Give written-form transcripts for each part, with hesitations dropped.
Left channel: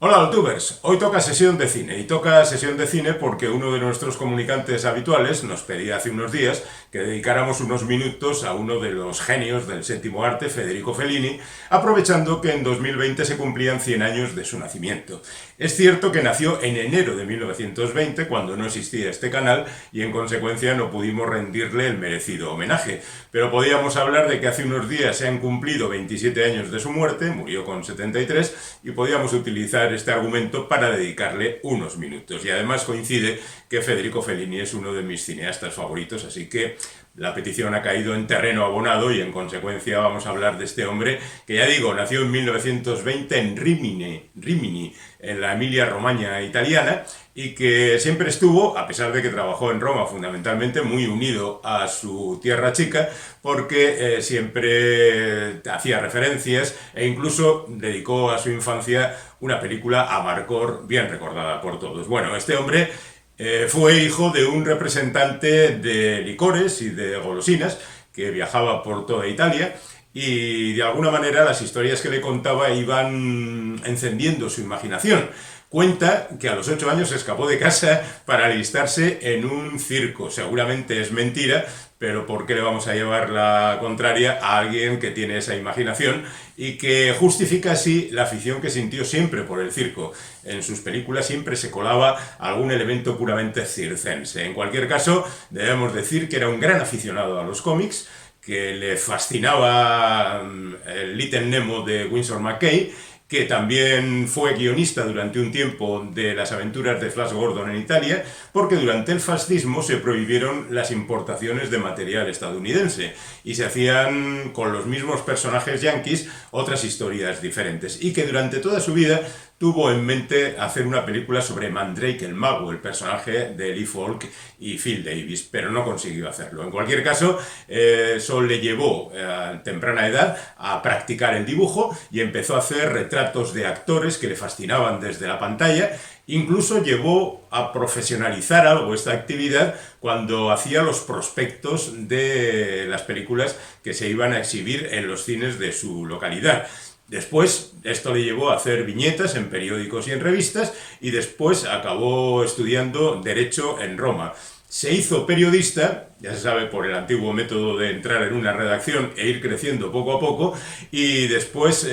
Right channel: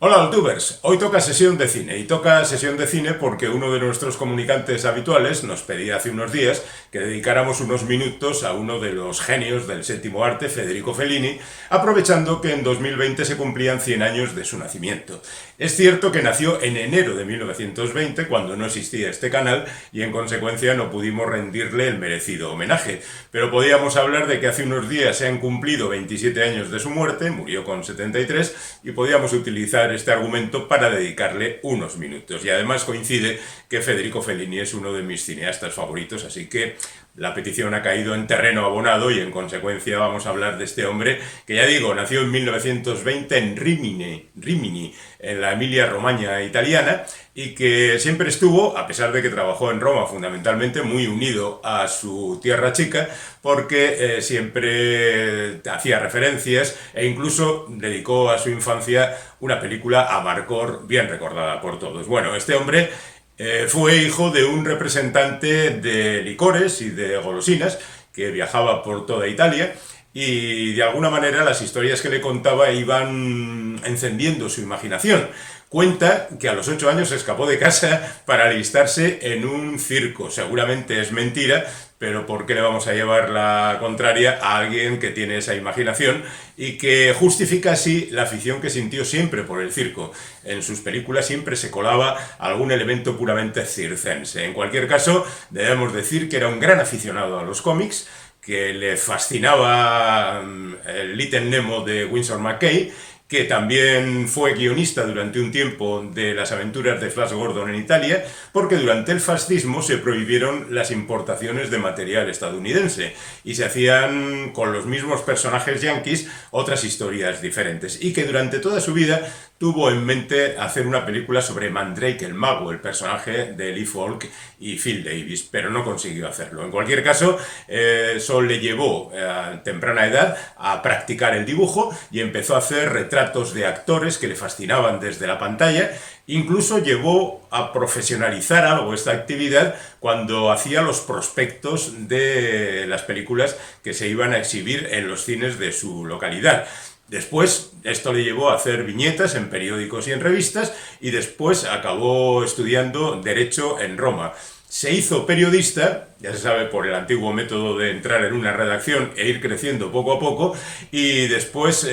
Hola, Altubers. Hoy toca sesión de cine y toca sesión de cine porque uno de nuestros comunicantes habituales nos pedía hace unos días que dedicáramos unos minutos a uno de los genios del séptimo arte, Federico Fellini, aprovechando que en 2020 se cumplían 100 años de su nacimiento. Es cierto que nació en enero de 1920, cuando no existía este canal, y en consecuencia no pudimos rendirle el merecido homenaje, pero podíamos hablar de que hace unos días se han cumplido 27 años de su muerte, murió con 73, y podíamos utilizar este argumento para dedicarle unos minutos. Y además coincide que Federico Fellini es uno de mis cineastas favoritos, así que la petición ha caído en terreno abonado y en consecuencia vamos a hablar de este hombre que, ya digo, nació en 1920 en Rimini, en la Emilia-Romagna italiana, y que siempre estuvo, a pesar de que trabajó en Roma fundamentalmente, muy unido a su tierra chica, porque siempre hacía referencias e incluso dedicó a su infancia una película a Marcor bien recordada por todos. Bueno, este hombre fue hijo de un representante de licores y de golosinas que viajaba por toda Italia, y de alguna manera las historias que le contaba iban encendiendo su imaginación. Cuenta que a los 8 años se escapó de casa para alistarse en un circo. Seguramente es mentira, pero ¿por qué le vamos a llevar la contraria a alguien que tiene esa imaginación y que justifica así la afición que sintió siempre por el circo? En sus películas siempre se colaba algún elemento puramente circense. En cualquier caso, debemos decir que era un gran aficionado a los cómics, que le fascinaba el Little Nemo de Winsor McCay, que también fue guionista durante un tiempo de las aventuras de Flash Gordon en Italia, porque durante el fascismo se prohibieron las importaciones de material estadounidense y se hacían con los mismos personajes yanquis otras historias diferentes, y que durante toda su vida tuvo en mente hacer una película sobre Mandrake el mago, el personaje de Lee Falk y Phil Davis, pero no consiguió hacerlo. En cualquier caso, eso le llevó a temprana edad a practicar el dibujo y empezó a hacer retratos de actores que le fascinaban desde la pantalla. Incluso llevó a profesionalizar algo esta actividad cuando hacía los prospectos de las películas que se iban a exhibir en los cines de su localidad. Después, esto le llevó a hacer viñetas en periódicos y en revistas, y después acabó estudiando Derecho en Roma. Se hizo periodista, ya se sabe, por el antiguo método de entrar en una redacción e ir creciendo poco a poco, y después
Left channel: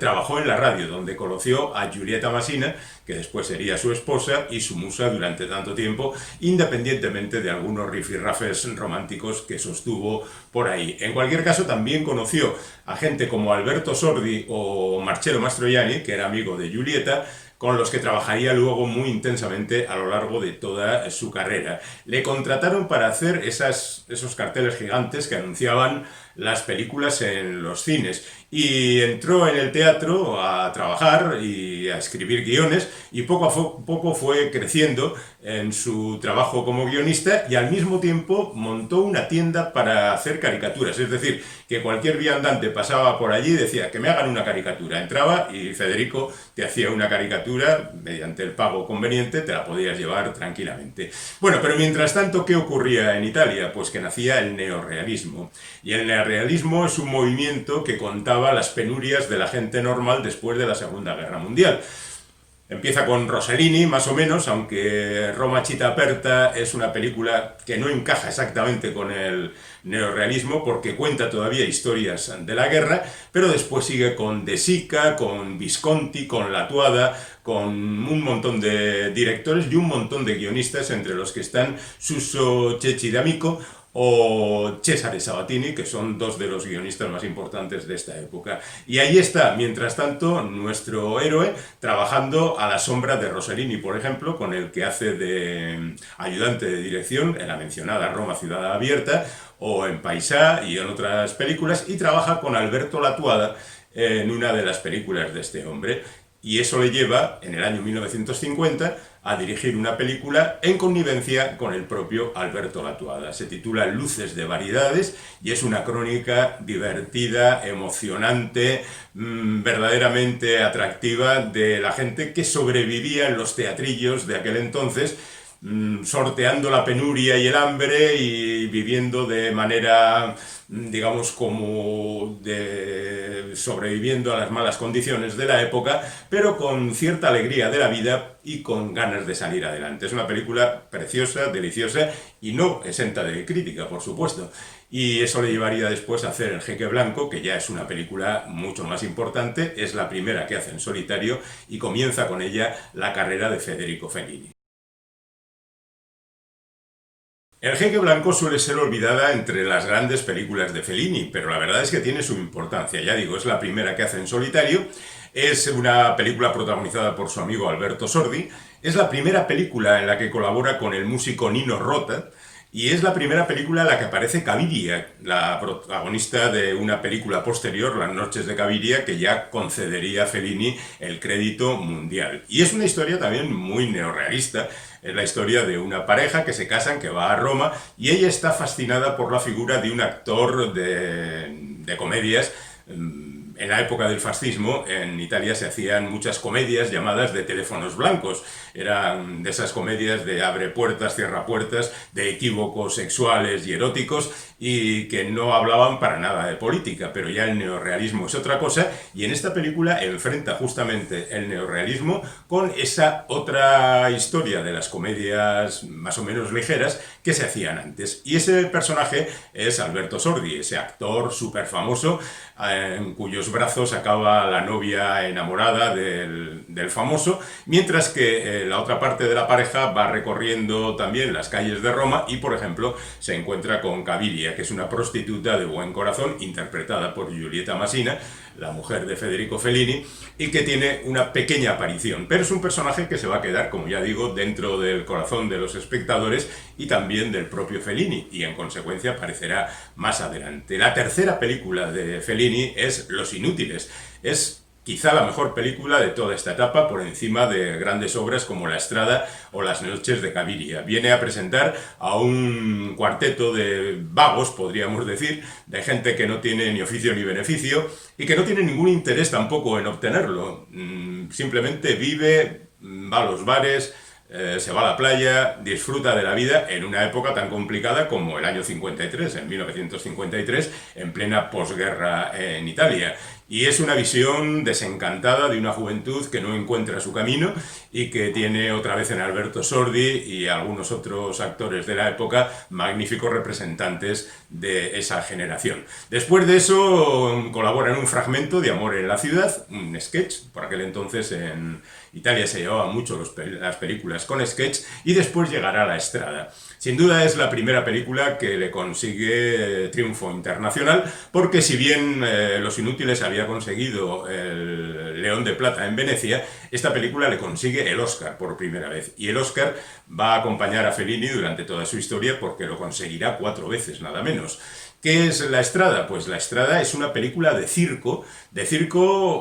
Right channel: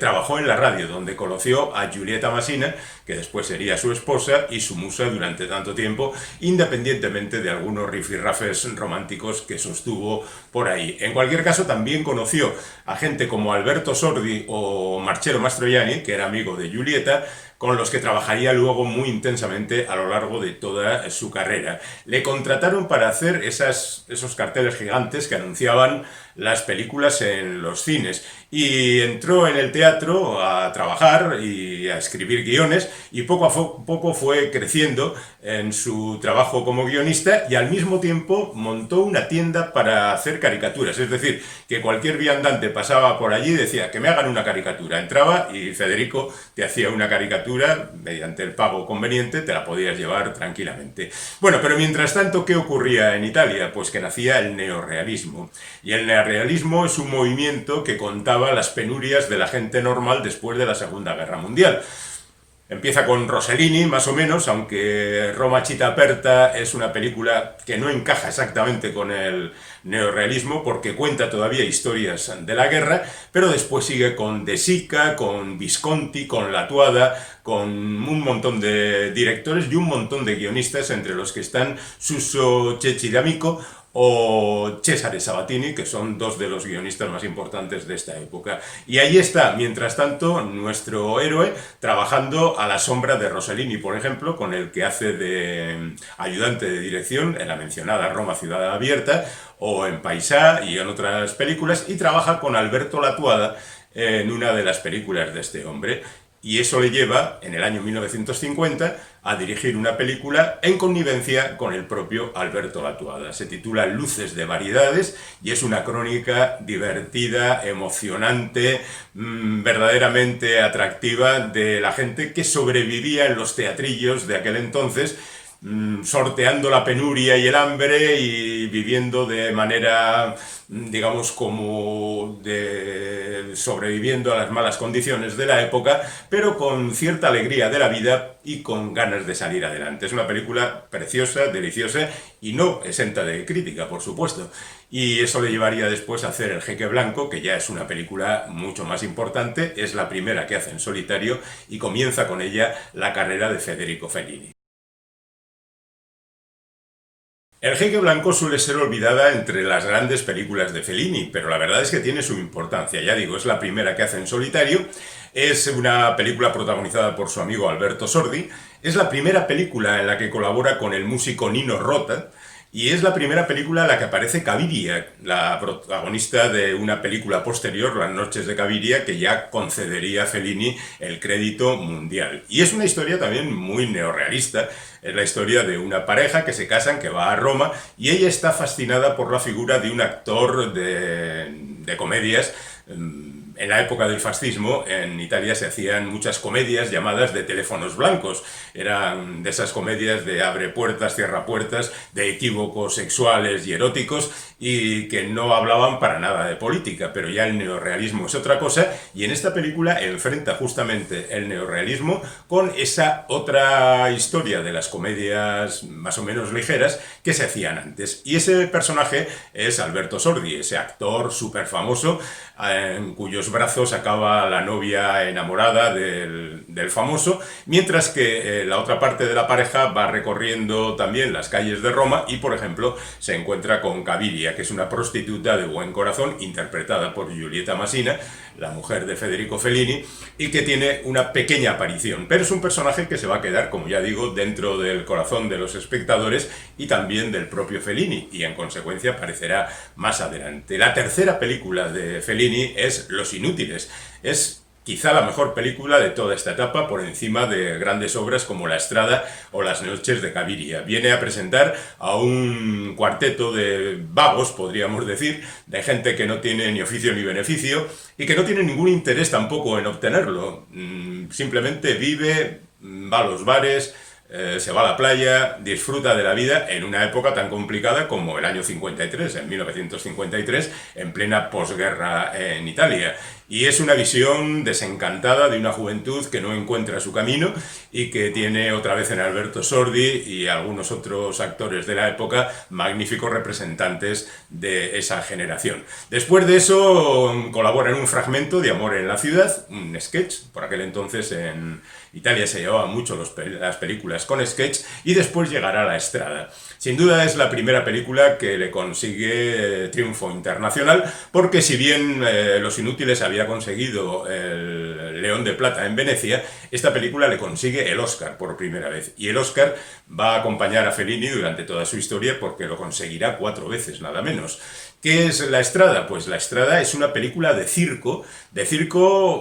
trabajó en la radio, donde conoció a Giulietta Masina, que después sería su esposa y su musa durante tanto tiempo, independientemente de algunos rifirrafes románticos que sostuvo por ahí. En cualquier caso, también conoció a gente como Alberto Sordi o Marcello Mastroianni, que era amigo de Giulietta, con los que trabajaría luego muy intensamente a lo largo de toda su carrera. Le contrataron para hacer esos carteles gigantes que anunciaban las películas en los cines, y entró en el teatro a trabajar y a escribir guiones, y poco a poco fue creciendo en su trabajo como guionista, y al mismo tiempo montó una tienda para hacer caricaturas. Es decir, que cualquier viandante pasaba por allí y decía que me hagan una caricatura. Entraba y Federico te hacía una caricatura, mediante el pago conveniente te la podías llevar tranquilamente. Bueno, pero mientras tanto, ¿qué ocurría en Italia? Pues que nacía el neorrealismo. Y el neorrealismo es un movimiento que contaba las penurias de la gente normal después de la Segunda Guerra Mundial. Empieza con Rossellini, más o menos, aunque Roma Città Aperta es una película que no encaja exactamente con el neorrealismo, porque cuenta todavía historias de la guerra, pero después sigue con De Sica, con Visconti, con Latuada, con un montón de directores y un montón de guionistas, entre los que están Suso Cecchi D'Amico o Cesare Sabatini, que son dos de los guionistas más importantes de esta época. Y ahí está, mientras tanto, nuestro héroe trabajando a la sombra de Rossellini, por ejemplo, con el que hace de ayudante de dirección en la mencionada Roma Ciudad Abierta, o en Paisà y en otras películas, y trabaja con Alberto Latuada en una de las películas de este hombre. Y eso le lleva, en el año 1950, a dirigir una película en connivencia con el propio Alberto Latuada. Se titula Luces de Variedades y es una crónica divertida, emocionante, verdaderamente atractiva, de la gente que sobrevivía en los teatrillos de aquel entonces, sorteando la penuria y el hambre y viviendo de manera, digamos, sobreviviendo a las malas condiciones de la época, pero con cierta alegría de la vida y con ganas de salir adelante. Es una película preciosa, deliciosa y no exenta de crítica, por supuesto. Y eso le llevaría después a hacer El Jeque Blanco, que ya es una película mucho más importante, es la primera que hace en solitario y comienza con ella la carrera de Federico Fellini. El Jeque Blanco suele ser olvidada entre las grandes películas de Fellini, pero la verdad es que tiene su importancia. Ya digo, es la primera que hace en solitario, es una película protagonizada por su amigo Alberto Sordi, es la primera película en la que colabora con el músico Nino Rota, y es la primera película en la que aparece Caviria, la protagonista de una película posterior, Las noches de Caviria, que ya concedería a Fellini el crédito mundial. Y es una historia también muy neorrealista. Es la historia de una pareja que se casan, que va a Roma, y ella está fascinada por la figura de un actor de comedias. En la época del fascismo, en Italia se hacían muchas comedias llamadas de teléfonos blancos. Eran de esas comedias de abre puertas, cierra puertas, de equívocos sexuales y eróticos, y que no hablaban para nada de política, pero ya el neorrealismo es otra cosa, y en esta película enfrenta justamente el neorrealismo con esa otra historia de las comedias más o menos ligeras que se hacían antes. Y ese personaje es Alberto Sordi, ese actor súper famoso, en cuyos brazos acaba la novia enamorada del famoso, mientras que la otra parte de la pareja va recorriendo también las calles de Roma y, por ejemplo, se encuentra con Caviria, que es una prostituta de buen corazón, interpretada por Giulietta Masina, la mujer de Federico Fellini, y que tiene una pequeña aparición, pero es un personaje que se va a quedar, como ya digo, dentro del corazón de los espectadores y también del propio Fellini, y en consecuencia aparecerá más adelante. La tercera película de Fellini es Los Inútiles. Es quizá la mejor película de toda esta etapa, por encima de grandes obras como La Estrada o Las noches de Caviria. Viene a presentar a un cuarteto de vagos, podríamos decir, de gente que no tiene ni oficio ni beneficio y que no tiene ningún interés tampoco en obtenerlo. Simplemente vive, va a los bares, se va a la playa, disfruta de la vida en una época tan complicada como el año 53, en 1953, en plena posguerra en Italia. Y es una visión desencantada de una juventud que no encuentra su camino y que tiene otra vez en Alberto Sordi y algunos otros actores de la época magníficos representantes de esa generación. Después de eso colabora en un fragmento de Amor en la ciudad, un sketch, por aquel entonces en Italia se llevaban mucho las películas con sketch, y después llegará La Estrada. Sin duda es la primera película que le consigue triunfo internacional, porque si bien Los Inútiles había conseguido el León de Plata en Venecia, esta película le consigue el Oscar por primera vez, y el Oscar va a acompañar a Fellini durante toda su historia porque lo conseguirá 4 veces, nada menos. ¿Qué es La Estrada? Pues La Estrada es una película de circo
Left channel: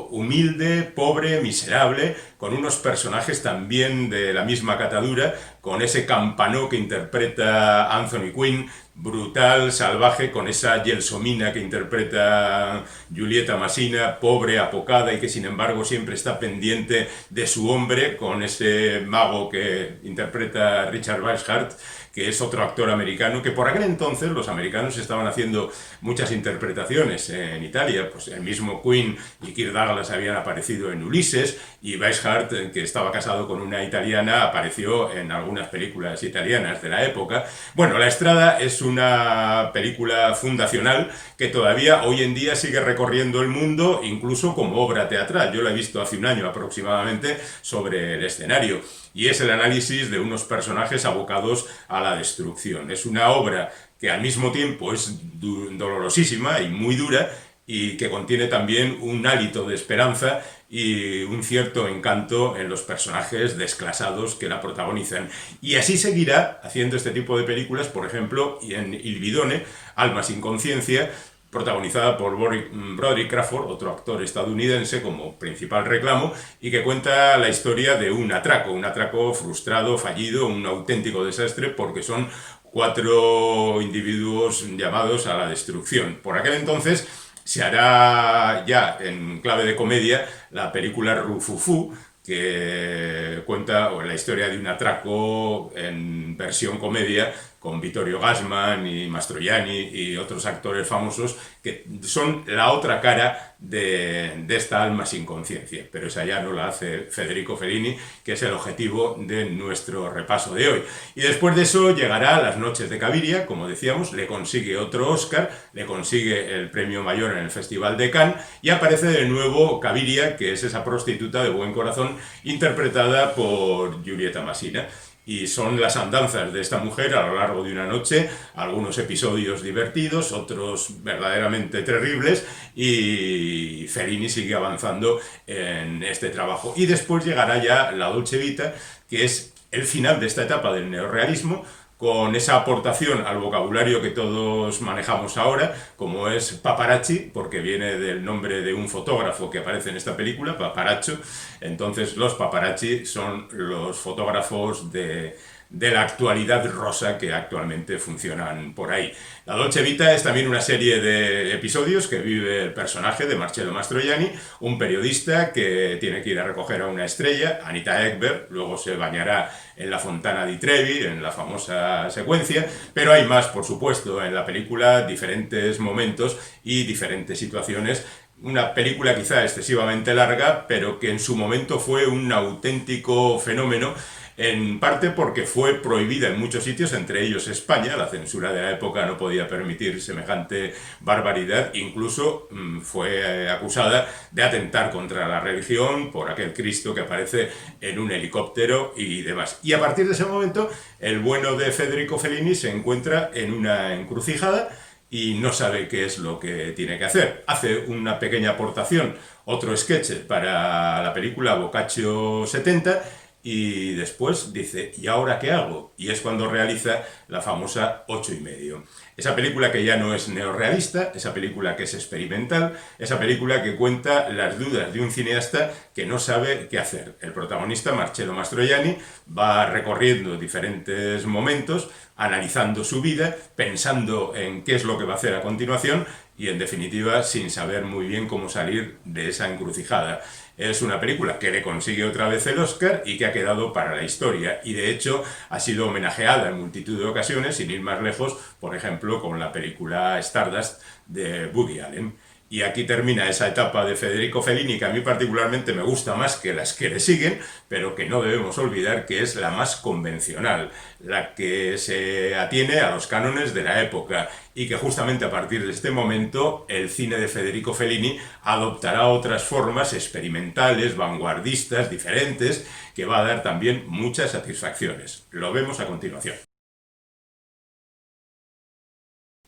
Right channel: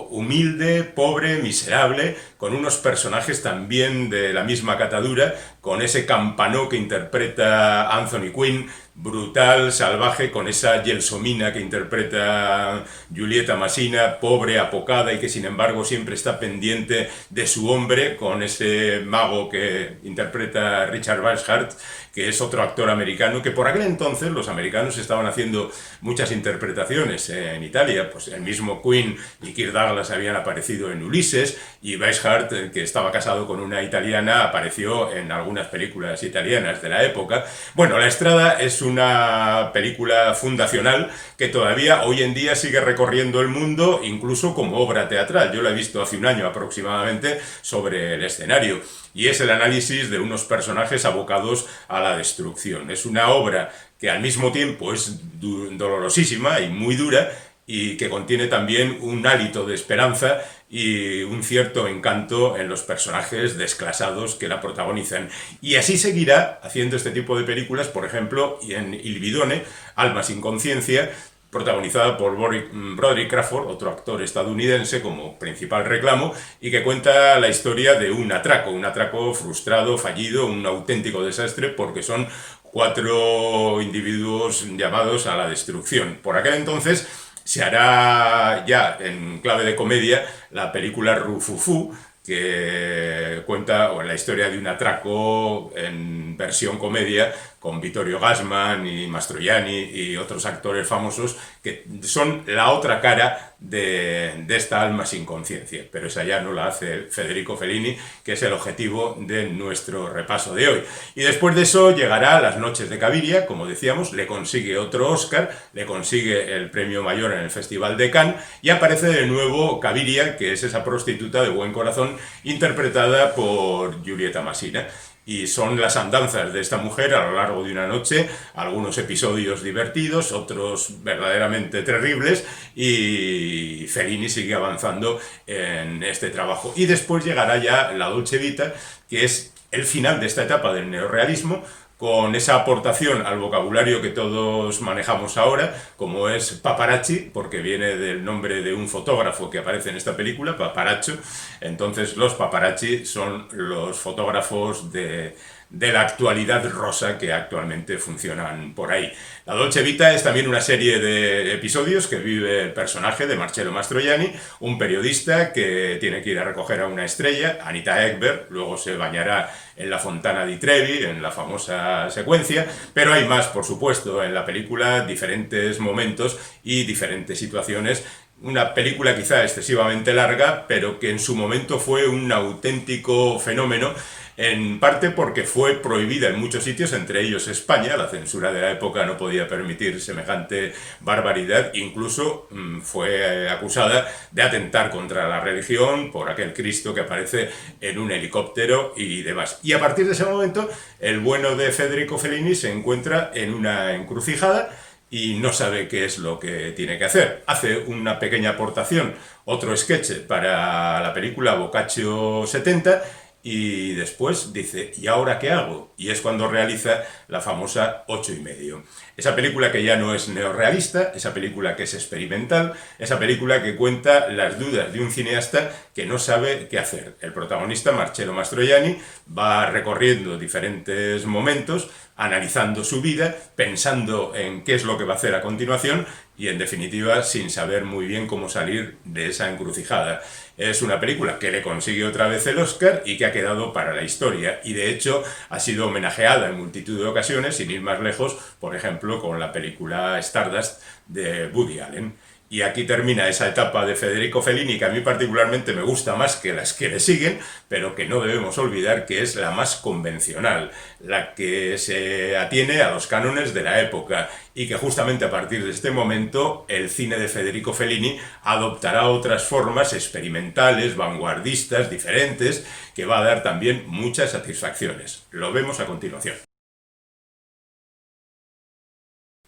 humilde, pobre, miserable, con unos personajes también de la misma catadura, con ese Campanó que interpreta Anthony Quinn, brutal, salvaje, con esa Gelsomina que interpreta Giulietta Masina, pobre, apocada y que sin embargo siempre está pendiente de su hombre, con ese mago que interpreta Richard Weishart, que es otro actor americano, que por aquel entonces los americanos estaban haciendo muchas interpretaciones en Italia, pues el mismo Quinn y Kirk Douglas habían aparecido en Ulises, y Weishart, que estaba casado con una italiana, apareció en algunas películas italianas de la época. Bueno, La Estrada es una película fundacional que todavía hoy en día sigue recorriendo el mundo, incluso como obra teatral. Yo la he visto hace un año aproximadamente sobre el escenario, y es el análisis de unos personajes abocados a la destrucción. Es una obra que al mismo tiempo es dolorosísima y muy dura, y que contiene también un hálito de esperanza y un cierto encanto en los personajes desclasados que la protagonizan. Y así seguirá haciendo este tipo de películas, por ejemplo, en Il Bidone, Alma sin conciencia, protagonizada por Broderick Crawford, otro actor estadounidense, como principal reclamo, y que cuenta la historia de un atraco frustrado, fallido, un auténtico desastre, porque son 4 individuos llamados a la destrucción. Por aquel entonces se hará ya en clave de comedia la película Rufufu, que cuenta la historia de un atraco en versión comedia con Vittorio Gassman y Mastroianni y otros actores famosos que son la otra cara de esta alma sin conciencia. Pero esa ya no la hace Federico Fellini, que es el objetivo de nuestro repaso de hoy. Y después de eso llegará Las noches de Caviria, como decíamos, le consigue otro Oscar, le consigue el premio mayor en el Festival de Cannes y aparece de nuevo Caviria, que es esa prostituta de buen corazón interpretada por Giulietta Masina. Y son las andanzas de esta mujer a lo largo de una noche, algunos episodios divertidos, otros verdaderamente terribles, y Fellini sigue avanzando en este trabajo. Y después llegará ya la Dolce Vita, que es el final de esta etapa del neorrealismo, con esa aportación al vocabulario que todos manejamos ahora, como es paparazzi, porque viene del nombre de un fotógrafo que aparece en esta película, paparazzo. Entonces los paparazzi son los fotógrafos de la actualidad rosa que actualmente funcionan por ahí. La Dolce Vita es también una serie de episodios que vive el personaje de Marcello Mastroianni, un periodista que tiene que ir a recoger a una estrella, Anita Ekberg, luego se bañará en la Fontana di Trevi, en la famosa secuencia, pero hay más, por supuesto, en la película, diferentes momentos y diferentes situaciones. Una película quizá excesivamente larga, pero que en su momento fue un auténtico fenómeno, en parte porque fue prohibida en muchos sitios, entre ellos España. La censura de la época no podía permitir semejante barbaridad, incluso fue acusada de atentar contra la religión por aquel Cristo que aparece en un helicóptero y demás. Y a partir de ese momento, el bueno de Federico Fellini se encuentra en una encrucijada y no sabe qué es lo que tiene que hacer. Hace una pequeña aportación, otro sketch para la película Boccaccio 70, y después dice, ¿y ahora qué hago? Y es cuando realiza la famosa 8,5. Esa película que ya no es neorrealista, esa película que es experimental, esa película que cuenta las dudas de un cineasta que no sabe qué hacer. El protagonista, Marcello Mastroianni, va recorriendo diferentes momentos, analizando su vida, pensando en qué es lo que va a hacer a continuación y, en definitiva, sin saber muy bien cómo salir de esa encrucijada. Es una película que le consigue otra vez el Oscar y que ha quedado para la historia, y de hecho ha sido homenajeada en multitud de ocasiones, sin ir más lejos, por ejemplo con la película Stardust de Woody Allen. Y aquí termina esa etapa de Federico Fellini que a mí particularmente me gusta más que las que le siguen, pero que no debemos olvidar que es la más convencional, la que se atiene a los cánones de la época, y que justamente a partir de este momento el cine de Federico Fellini adoptará otras formas experimentales, vanguardistas, diferentes, que va a dar también muchas satisfacciones. Lo vemos a continuación.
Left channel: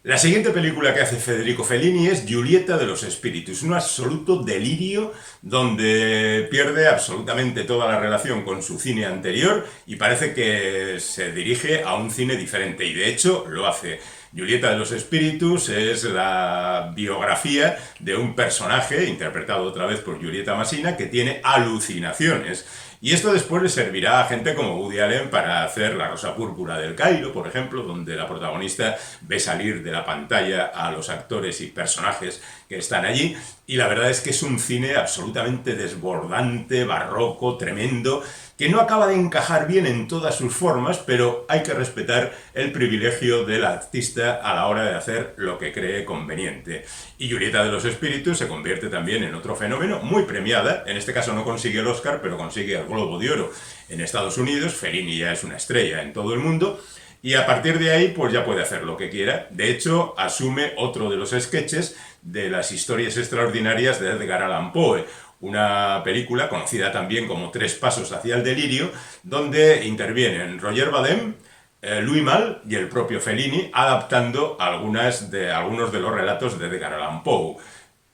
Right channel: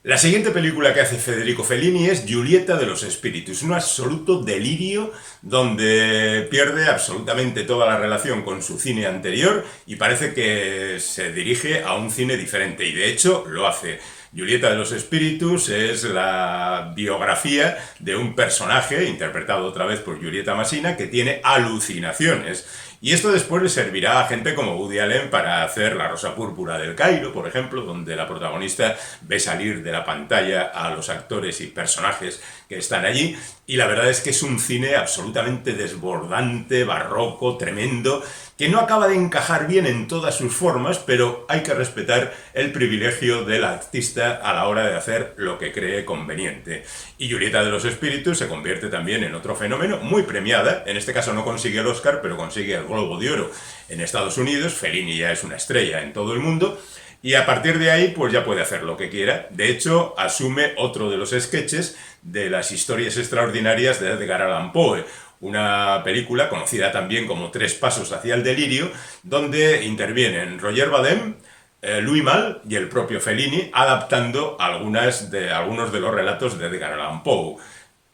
La siguiente película que hace Federico Fellini es Giulietta de los Espíritus, un absoluto delirio donde pierde absolutamente toda la relación con su cine anterior y parece que se dirige a un cine diferente, y de hecho lo hace. Giulietta de los Espíritus es la biografía de un personaje, interpretado otra vez por Giulietta Masina, que tiene alucinaciones. Y esto después le servirá a gente como Woody Allen para hacer La Rosa Púrpura del Cairo, por ejemplo, donde la protagonista ve salir de la pantalla a los actores y personajes que están allí. Y la verdad es que es un cine absolutamente desbordante, barroco, tremendo, que no acaba de encajar bien en todas sus formas, pero hay que respetar el privilegio del artista a la hora de hacer lo que cree conveniente. Y Giulietta de los Espíritus se convierte también en otro fenómeno, muy premiada. En este caso no consigue el Oscar, pero consigue el Globo de Oro en Estados Unidos. Fellini ya es una estrella en todo el mundo, y a partir de ahí pues ya puede hacer lo que quiera. De hecho, asume otro de los sketches de las historias extraordinarias de Edgar Allan Poe, una película conocida también como Tres pasos hacia el delirio, donde intervienen Roger Vadim, Louis Malle y el propio Fellini, adaptando algunos de los relatos de Edgar Allan Poe.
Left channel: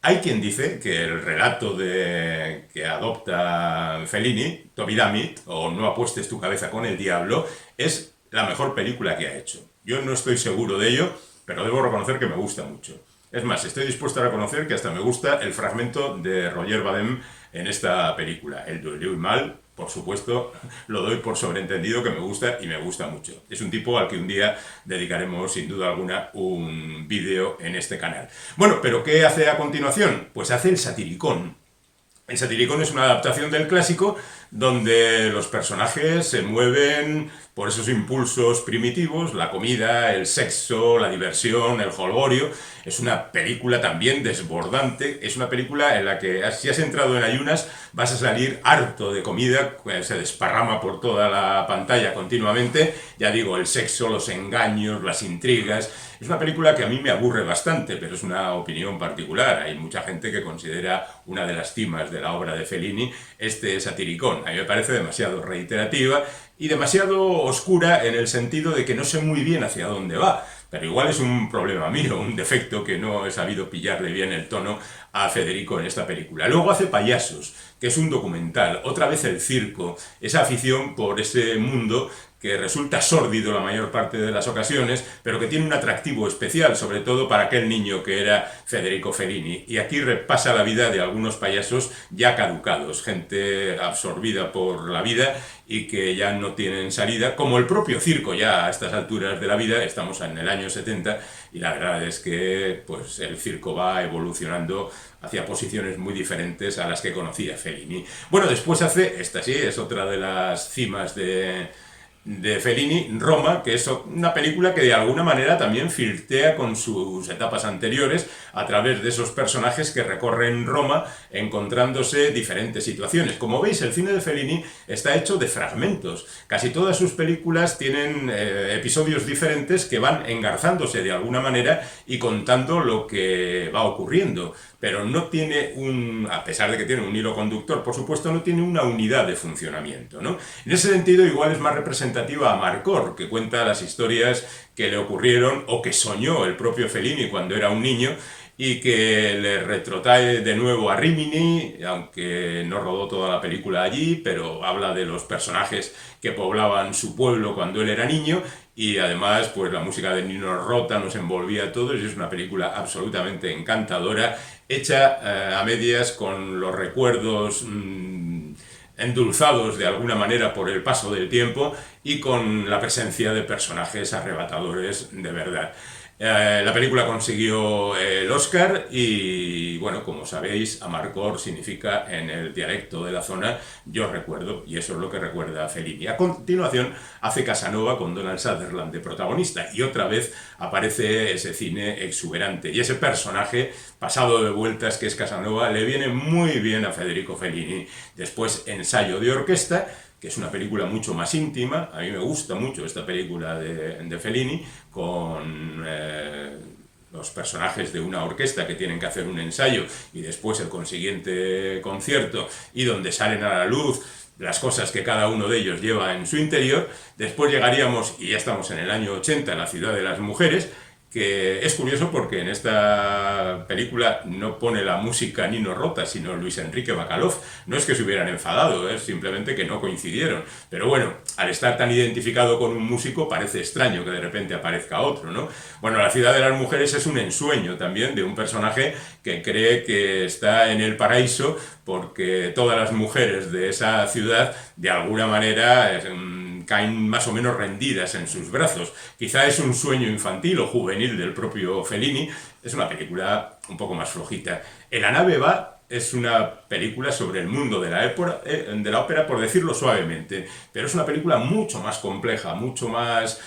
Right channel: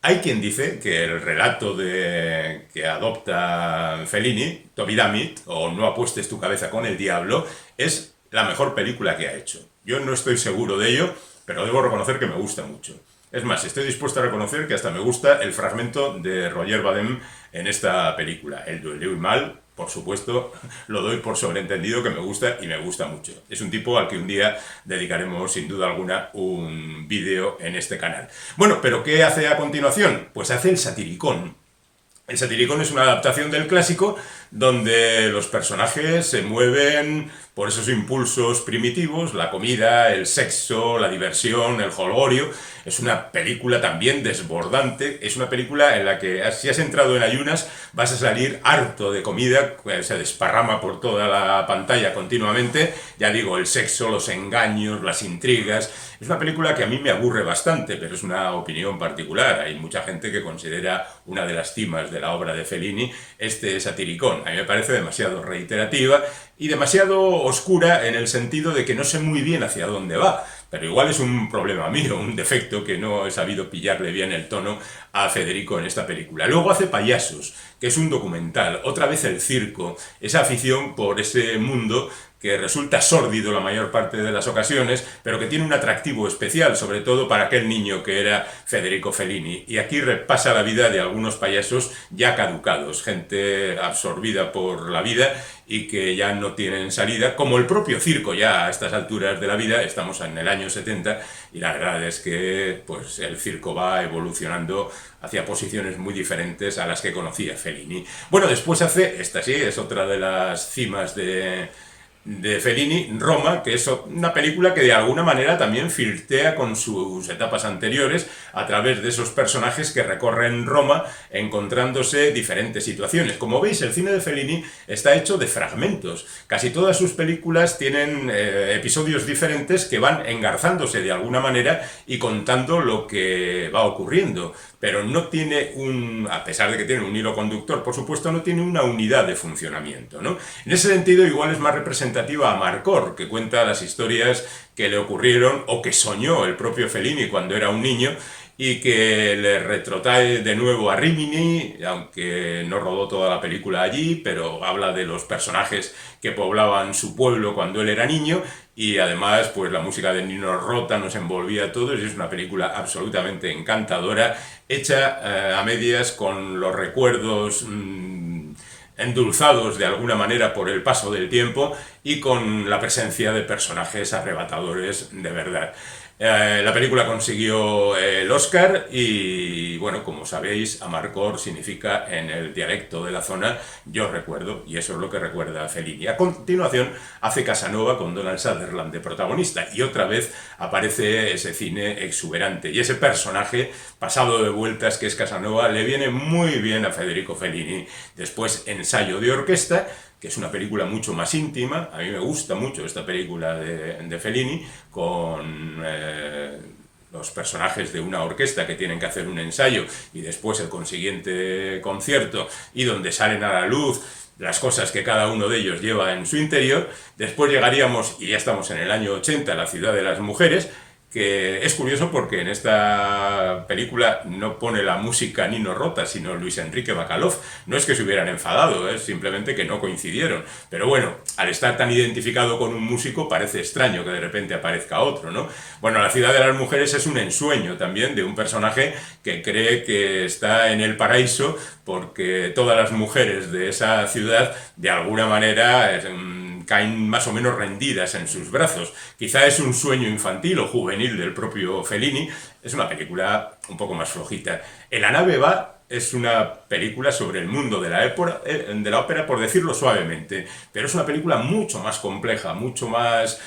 Hay quien dice que el relato que adopta Fellini, Toby Dammit, o No apuestes tu cabeza con el diablo, es la mejor película que ha hecho. Yo no estoy seguro de ello, pero debo reconocer que me gusta mucho. Es más, estoy dispuesto a reconocer que hasta me gusta el fragmento de Roger Vadim en esta película. El de Louis Malle, por supuesto, lo doy por sobreentendido que me gusta, y me gusta mucho. Es un tipo al que un día dedicaremos sin duda alguna un vídeo en este canal. Bueno, pero ¿qué hace a continuación? Pues hace el satiricón. El Satiricón es una adaptación del clásico donde los personajes se mueven por esos impulsos primitivos, la comida, el sexo, la diversión, el jolgorio. Es una película también desbordante, es una película en la que si has entrado en ayunas vas a salir harto de comida, se desparrama por toda la pantalla continuamente, ya digo, el sexo, los engaños, las intrigas. Es una película que a mí me aburre bastante, pero es una opinión particular. Hay mucha gente que considera una de las cimas de la obra de Fellini este Satiricón. A mí me parece demasiado reiterativa y demasiado oscura en el sentido de que no sé muy bien hacia dónde va. Pero igual es un problema mío, un defecto que no he sabido pillarle bien el tono a Federico en esta película. Luego hace Payasos, que es un documental, otra vez el circo, esa afición por ese mundo que resulta sórdido la mayor parte de las ocasiones, pero que tiene un atractivo especial, sobre todo para aquel niño que era Federico Fellini. Y aquí repasa la vida de algunos payasos ya caducados, gente absorbida por la vida y que ya no tienen salida, como el propio circo ya a estas alturas de la vida. Estamos en el año 70 y la verdad es que pues, el circo va evolucionando hacia posiciones muy diferentes a las que conocía Fellini. Bueno, después hace, esta sí, es otra de las cimas de Fellini, Roma, que es una película que de alguna manera también flirtea con sus etapas anteriores a través de esos personajes que recorren Roma encontrándose diferentes situaciones. Como veis, el cine de Fellini está hecho de fragmentos. Casi todas sus películas tienen episodios diferentes que van engarzándose de alguna manera y contando lo que va ocurriendo. Pero no tiene a pesar de que tiene un hilo conductor, por supuesto, no tiene una unidad de funcionamiento, ¿no? En ese sentido, igual es más representativa a Marcor, que cuenta las historias que le ocurrieron o que soñó el propio Fellini cuando era un niño y que le retrotrae de nuevo a Rimini, aunque no rodó toda la película allí, pero habla de los personajes que poblaban su pueblo cuando él era niño, y además pues la música de Nino Rota nos envolvía a todos, y es una película absolutamente encantadora, hecha a medias con los recuerdos endulzados de alguna manera por el paso del tiempo y con la presencia de personajes arrebatadores de verdad. La película consiguió el Oscar y, bueno, como sabéis, Amarcord significa en el dialecto de la zona yo recuerdo, y eso es lo que recuerda Fellini. A continuación hace Casanova con Donald Sutherland de protagonista y otra vez aparece ese cine exuberante y ese personaje pasado de vueltas que es Casanova le viene muy bien a Federico Fellini. Después Ensayo de orquesta, que es una película mucho más íntima. A mí me gusta mucho esta película de Fellini, con los personajes de una orquesta que tienen que hacer un ensayo y después el consiguiente concierto, y donde salen a la luz las cosas que cada uno de ellos lleva en su interior. Después llegaríamos, y ya estamos en el año 80, a La ciudad de las mujeres, que es curioso porque en esta película no pone la música Nino Rota, sino Luis Enrique Bacalov. No es que se hubieran enfadado, es simplemente que no coincidieron. Pero bueno, al estar tan identificado con un músico parece extraño que de repente aparezca otro, ¿no? Bueno, La ciudad de las mujeres es un ensueño también de un personaje que cree que está en el paraíso porque todas las mujeres de esa ciudad de alguna manera caen más o menos rendidas en sus brazos. Quizá es un sueño infantil o juvenil del propio Fellini. Es una película un poco más flojita. En la nave va es una película sobre el mundo de la ópera, por decirlo suavemente, pero es una película mucho más compleja, mucho más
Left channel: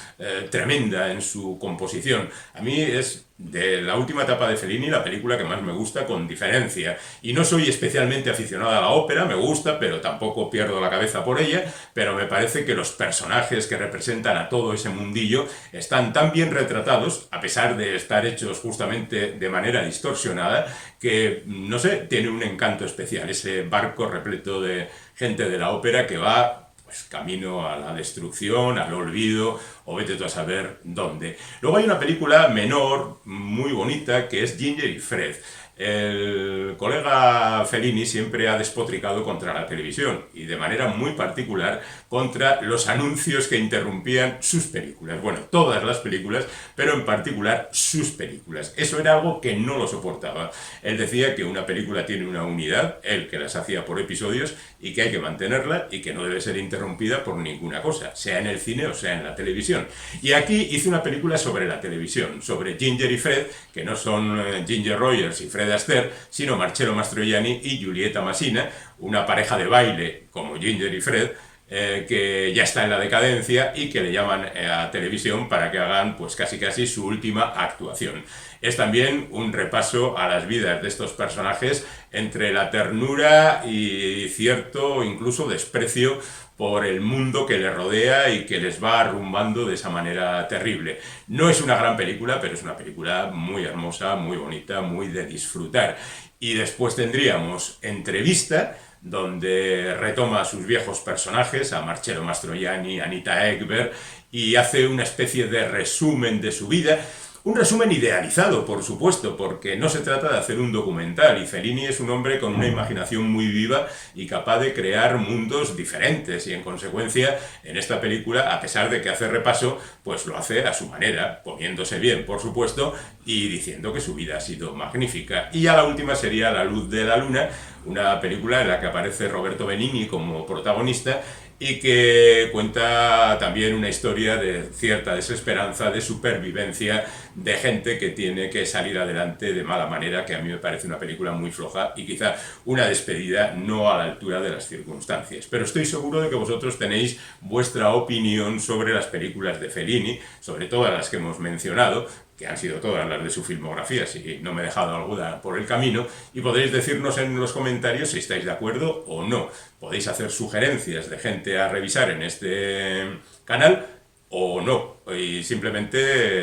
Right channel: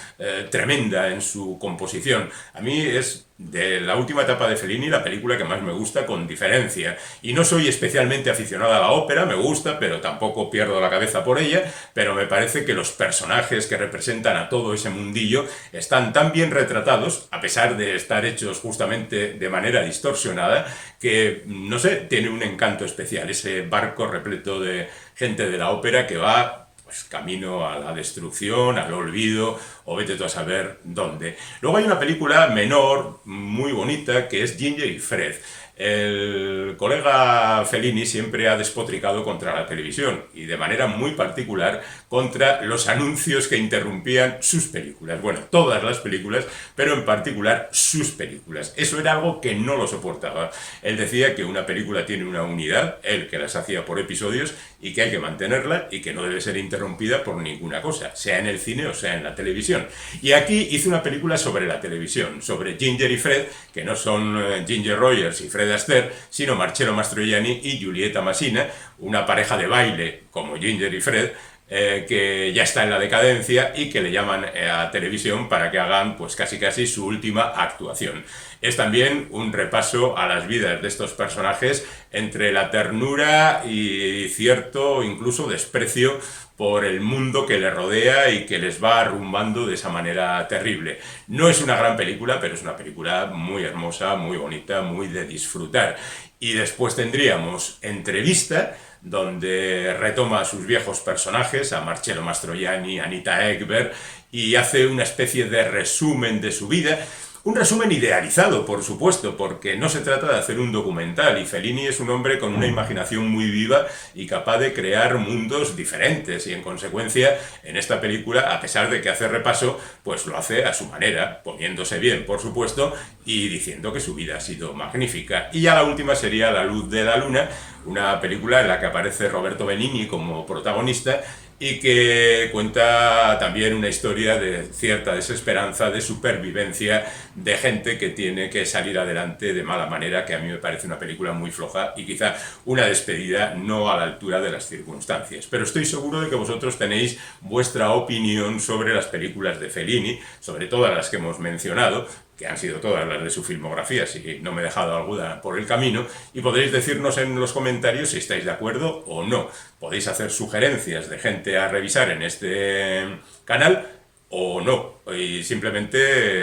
tremenda en su composición. A mí es de la última etapa de Fellini la película que más me gusta, con diferencia. Y no soy especialmente aficionado a la ópera, me gusta, pero tampoco pierdo la cabeza por ella, pero me parece que los personajes que representan a todo ese mundillo están tan bien retratados, a pesar de estar hechos justamente de manera distorsionada, que, no sé, tiene un encanto especial, ese barco repleto de gente de la ópera que va pues camino a la destrucción, al olvido, o vete tú a saber dónde. Luego hay una película menor, muy bonita, que es Ginger y Fred. El colega Fellini siempre ha despotricado contra la televisión y de manera muy particular contra los anuncios que interrumpían sus películas. Bueno, todas las películas, pero en particular sus películas. Eso era algo que no lo soportaba. Él decía que una película tiene una unidad, él que las hacía por episodios, y que hay que mantenerla y que no debe ser interrumpida por ninguna cosa, sea en el cine o sea en la televisión. Y aquí hizo una película sobre la televisión, sobre Ginger y Fred, que no son Ginger Rogers y Fred Fred Astaire, sino Marcello Mastroianni y Giulietta Masina, una pareja de baile como Ginger y Fred, que ya está en la decadencia y que le llaman a televisión para que hagan pues casi su última actuación. Es también un repaso a las vidas de estos personajes entre la ternura y cierto incluso desprecio por el mundo que les rodea y que les va arrumbando de esa manera terrible. No es una gran película, pero es una película muy hermosa, muy bonita, muy de disfrutar. Y después tendríamos Entrevista, donde retoma a sus viejos personajes, a Marcello Mastroianni, a Anita Ekberg, y hace una especie de resumen de su vida. Un resumen idealizado, por supuesto, porque no se trata de hacer un documental, y Fellini es un hombre con una imaginación muy viva y capaz de crear mundos diferentes, y en consecuencia, en esta película, a pesar de que hace repaso, pues lo hace a su manera, poniéndose bien, por supuesto, y diciendo que su vida ha sido magnífica. Y ya la última sería La luz de la luna, una película en la que aparece Roberto Benigni como protagonista y que cuenta también una historia de cierta desesperanza, de supervivencia, de gente que tiene que salir adelante de mala manera, que a mí me parece una película muy floja y quizá una despedida no a la altura de las circunstancias. Pero estoy seguro de que vosotros tenéis vuestra opinión sobre las películas de Fellini, sobre todas las que hemos mencionado, que han sido todas las de su filmografía, si no me he dejado alguna por el camino, y podréis decirnos en los comentarios si estáis de acuerdo o no. Podéis hacer sugerencias de gente a revisar en este canal o no, y simplemente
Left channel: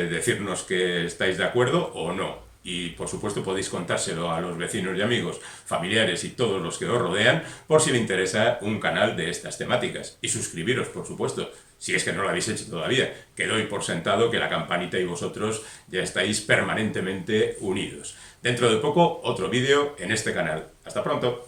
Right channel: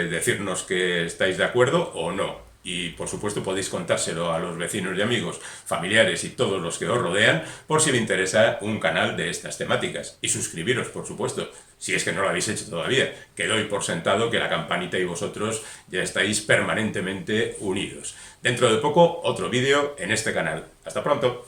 decirnos que estáis de acuerdo o no. Y por supuesto podéis contárselo a los vecinos y amigos, familiares y todos los que os rodean por si le interesa un canal de estas temáticas. Y suscribiros, por supuesto, si es que no lo habéis hecho todavía, que doy por sentado que la campanita y vosotros ya estáis permanentemente unidos. Dentro de poco, otro vídeo en este canal. ¡Hasta pronto!